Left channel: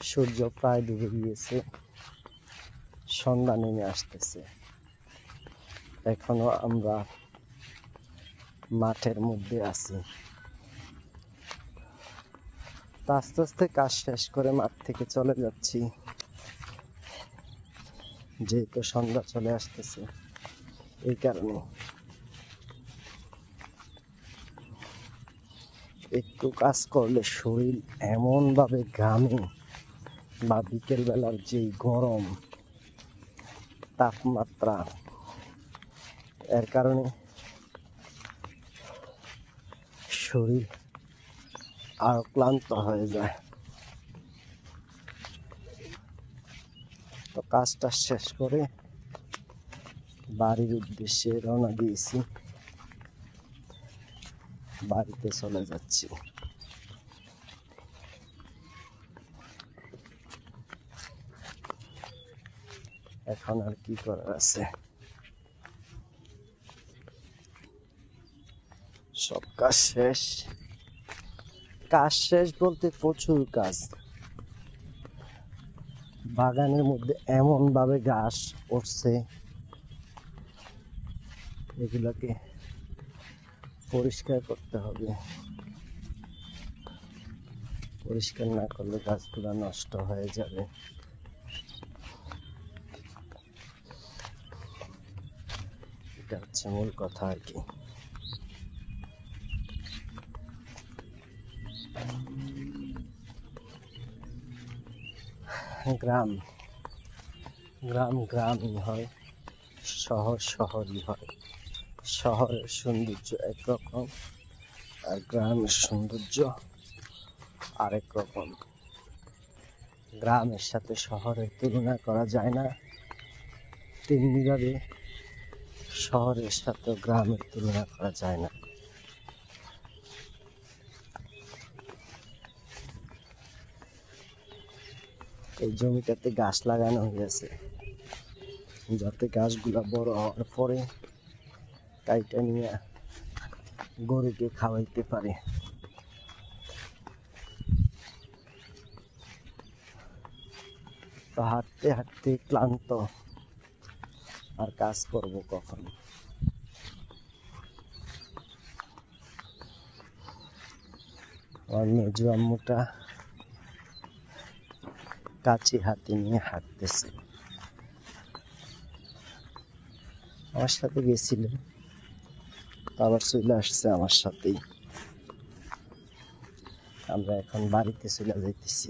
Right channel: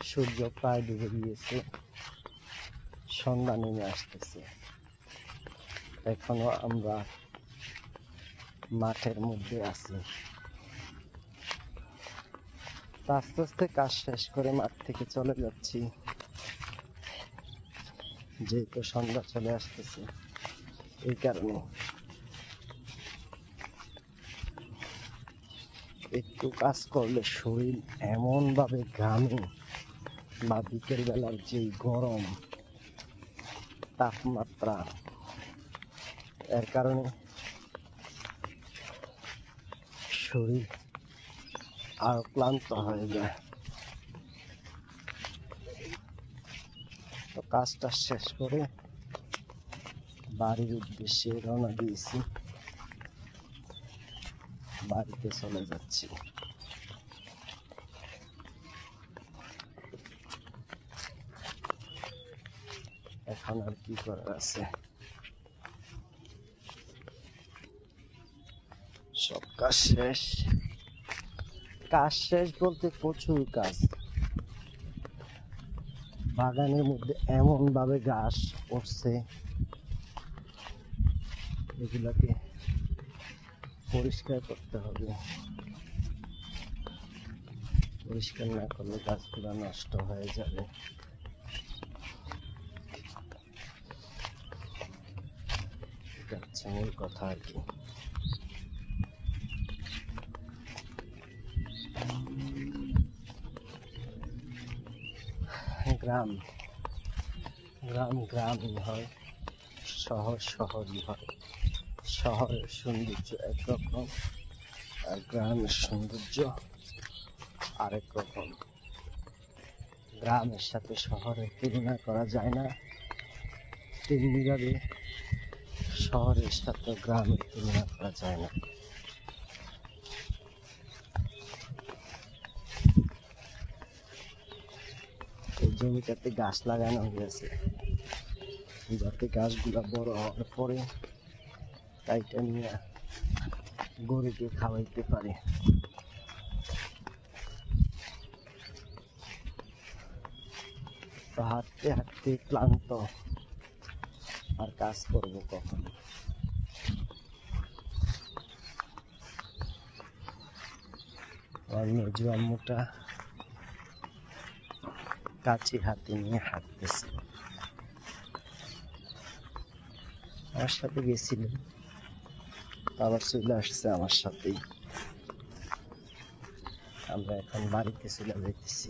সূর্য প্রায় ডুবে গিয়েছে, সন্ধ্যা নেমে আসতেছে। এখনো আমরা মাঠের মধ্যে আছি। আস্তে আস্তে কাজ শেষ করে মাঠ থেকে চলে যাচ্ছি, যেহেতু সন্ধ্যা চলে আসতেছে। এই কারণে একটু কাজ করলে শরীর এমনভাবে ঘামে, বা বিকেলবেলার যেই গরম তাপমাত্রা, এর কারণে শরীর আর ক্লান্ত হয়ে যায়। তো কাজটা শেষ করে বাড়ির উদ্দেশ্যে রওনা দিয়েছি, বাড়িতে চলে যাচ্ছি। এখন আর কি করার আছে, সব কাজ শেষ। কাজ শেষ বলতে প্রচুর কাজ। বাগানের মধ্যে এমন ভাবে ঘাস উঠছে, এগুলাকে পরিষ্কার করতে হবে। পরিষ্কার না করলে গাছগুলো নষ্ট হয়ে যাবে। এটা হচ্ছে মূল কথা আর কি। গ্রাম গ্রাম গ্রামই হয়, শহর শহরই হয়। শহরের সৌন্দর্য একরকম, আর গ্রামের সৌন্দর্য আরেক রকম। গ্রামের সাথে শহরের তুলনা করা যায় না, তেমনিভাবে শহরের সাথে গ্রামের তুলনা করা যায় না। এই জমিটাতে গাছ লাগানো হয়েছে, যাতে গাছগুলা বড় হওয়ার পরে কাইটা নিয়ে গরুকে খাওয়াইতে পারে। তো হাঁটতে হাঁটতে ক্লান্ত, আর কাজ করবো কখন? আর মেজু আম্মুটা কাঁচি হাতে নিয়ে হাঁটতেছে। আমার সাথে গেছিল, আবার চলে আসছে আমার সাথেই। আমরা এখন বাড়িতে চলে যাইতেছি।